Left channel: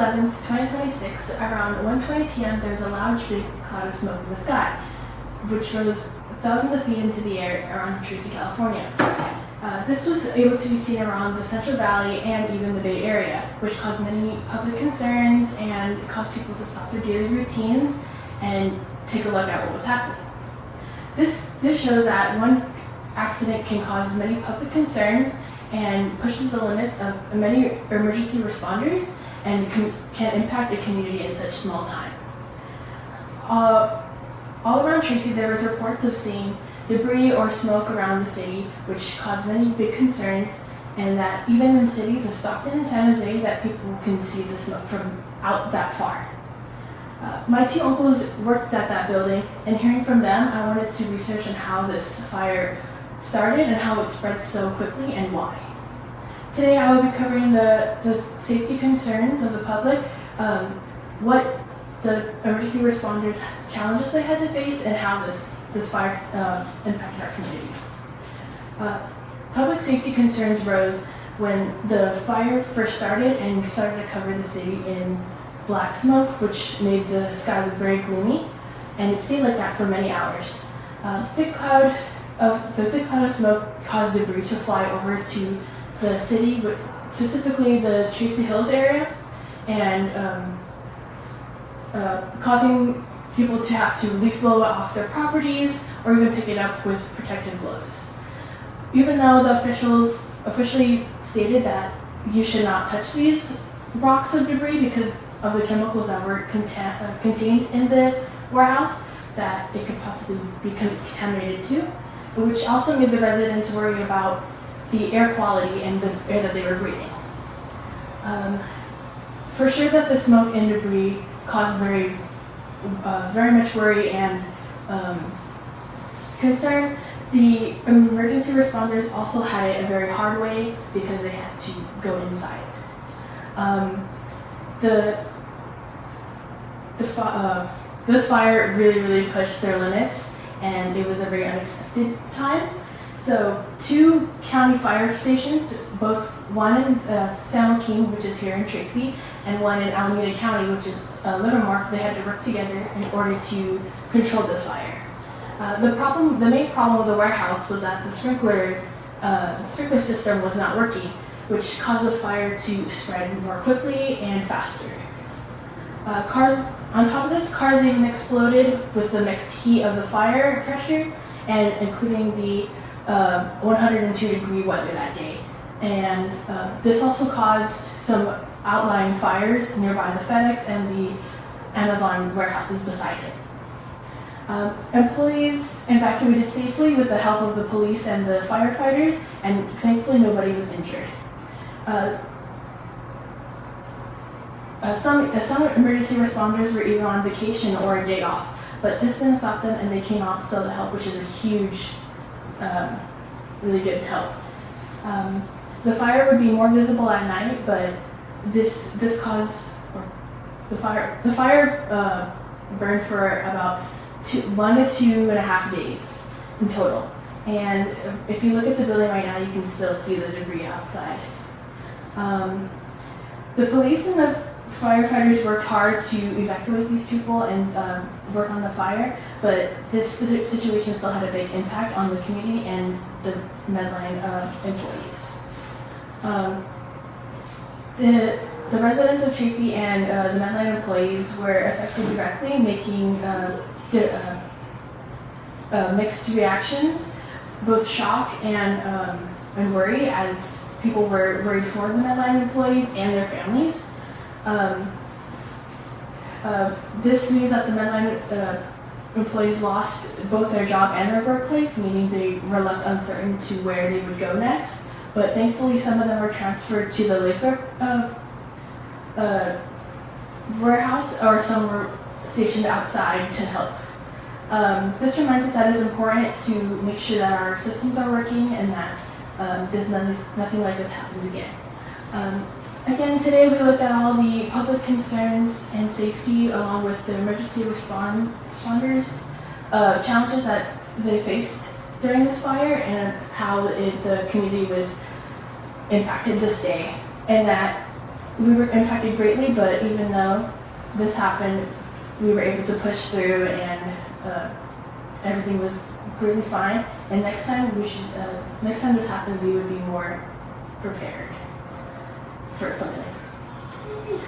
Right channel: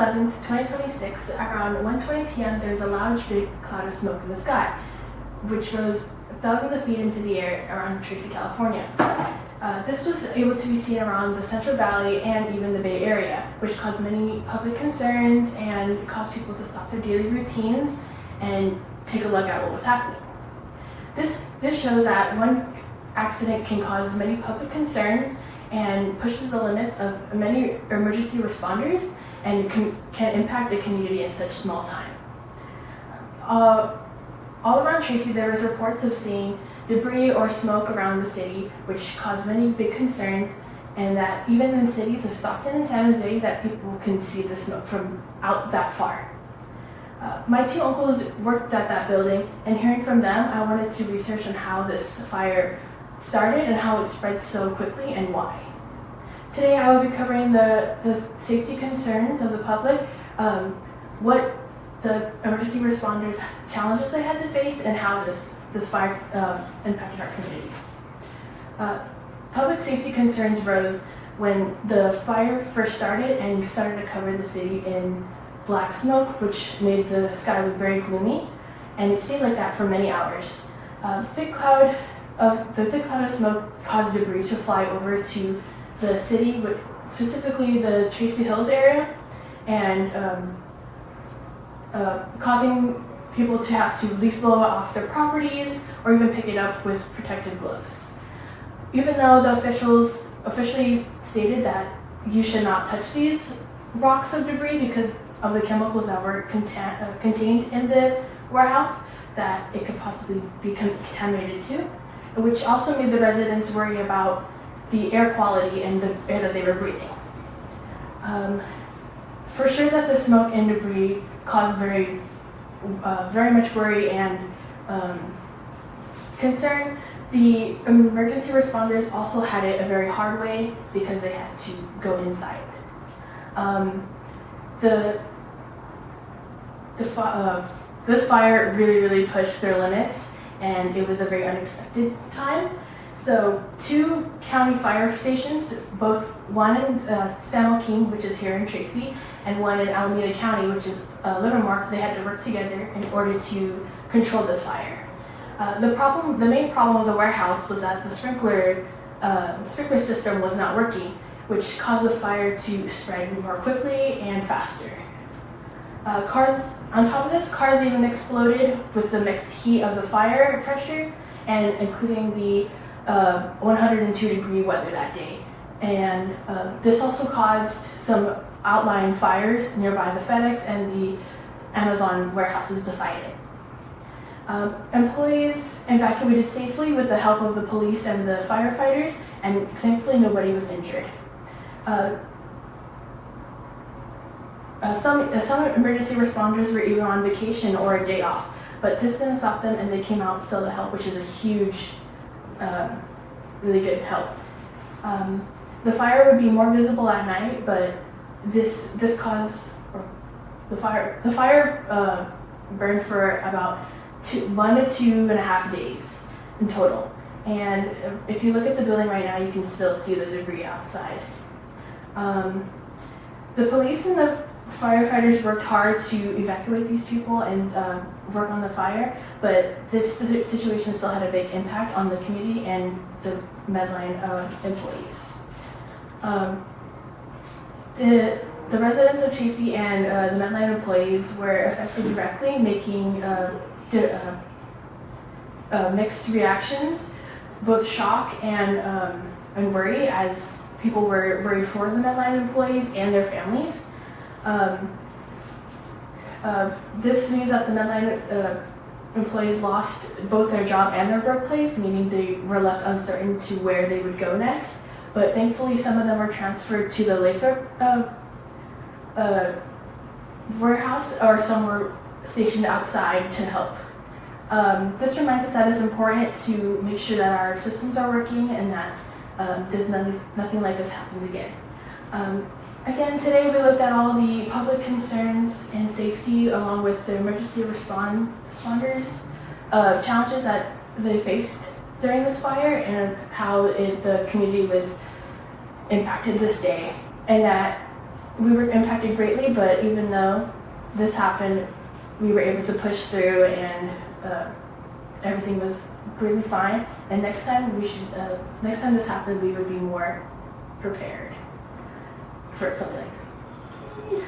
11th, 2026, around 1:20 p.m., there was a large big cloud of smoke in the sky, which rose thousands of feet into the air around Tracy, California. This was able to be seen around the Central Valley and even the Bay Area, which caused many public concerns and caused people to stop their daily routines and take a look at what was happening. This shows that one accident can cause many public concerns and pushes the limits of many emergency responders and can impact the community in such small time. All around Tracy, there was reports of seeing debris or smoke around the city, which caused many big concerns, and that even in cities of Stockton and San Jose, that people can see the smoke from out that far. My two uncles worked at that building, and hearing from them, I wanted to research on how this fire started and how it spread so quickly and why. Today I will be covering the safety concerns of the public, what the emergency responders challenges they had to face, and how this fire impacted our community. Public safety concerns rose when the fire first started and started to cover the city in black smoke, which made the sky look very gloomy, and it stayed like that for many hours. The thick cloud of smoke caused debris to fly over to the city, specifically the Tracy Hills area, and causing people to have to leaf blow it off their properties or even pick it up with protective gloves. Even though the officials officially stated that you should not touch these rocks of debris because of the chemicals that were contained in the warehouse, that it could possibly be contaminated too, which also made the residents worry about the air quality and the air that they were breathing. For sure that the smoke and debris caused very much worry and concern. The emergency responders also had it a very hard way because they had to go inside. This fire really pushed their limits, and it was a very unexpected time. So 2 county fire stations, one in San Joaquin, which is here in Tracy, and one in Alameda County, which is Livermore, they had to work together in order to control this fire. The main problem with the warehouse was that the sprinkler system was not working, which caused the fire to spread more quickly and faster. On top of this, cars even exploded with the mixed heat of the fire pressure, and including the 102-degree weather that day. And this also caused some outlying fires nearby the FedEx and the Amazon warehouses beside it. Employees evacuated safely with the help of the police and the firefighters, and thankfully nobody was injured. Some emergency responders were either on vacation or a day off, but this didn't stop them, and they came out still to help, which is a huge, really good help. The fire would be more visible at night, but this caused the fire burned for about 1 to 2.5 days in total. And if you look at the building right now, you can still see the debris outside. The police and the firefighters worked hard to evacuate these people and work on the fire, but this situation still had a big impact on the community and the Medline employees. The residents of Tracy and the Medline employees were affected directly, making mixed reactions, both shock and worry, as people were worried for the Medline employees and their families. This means that the Medline employees lost both their job and their workplace, meaning they were left uncertain to where they would go next. But thankfully, some of them were transferred to the Lathrop warehouse, or some were stationed outside to help. This reminds us that it's important to make sure that our systems are working and that nothing like this happens again. Again, today we looked at all the public concerns and safety, along with the emergency responders challenges that they faced during this fire, and how the community was impacted this day, and that we were impacted greatly, but even though this happened, we were able to push through, and everything was really fine. And next time next time this happened, we would be more prepared for something like this.